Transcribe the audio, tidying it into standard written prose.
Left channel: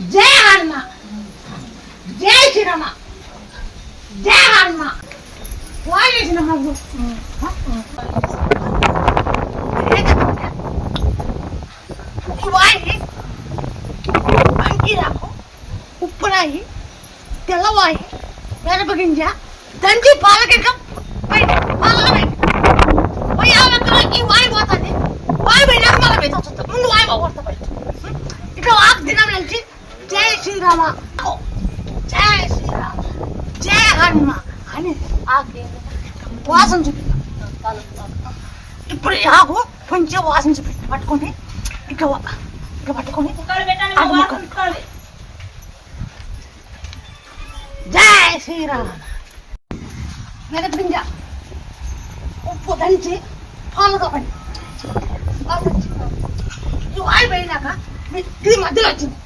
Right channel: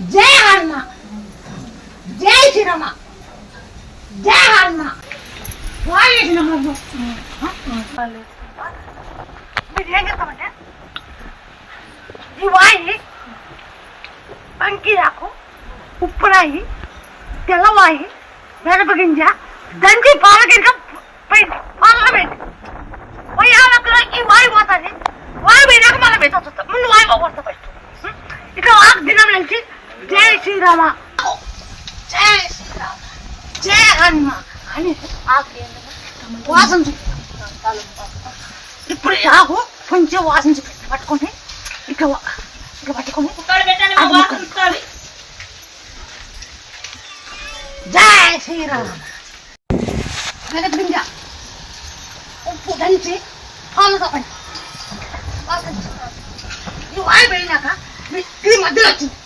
జై హనుమ, జై శ్రీరామ, జై హనుమ. వాడేసిన వాయి అంకిరాకు, ఉప్పురాయి, తెల్లవాయి, మిరపగింజ దంచి పాలకింక పాలలో పెట్టి ఈ వాయి పోతుంది. వాయి పోయినాక మళ్ళీ మీద వస్తుంది. ముందు వాయి పోతా పెట్టు. ఇక ఆకు దినం నుంచి జై శ్రీరామ, జై శ్రీరామ, జై హనుమ అని వాసన చూపిస్తాం. ఇప్పుడు ఆకు కొంచెం వాసన చూపిస్తాం. పట్టుకొని ఇక పట్టుకొని జై శ్రీరామ. మిరపగింజ ఉప్పు దంచి పాలుగా పడి ఈ వాయి పోయినాక ఇది మధ్యలో వచ్చింది.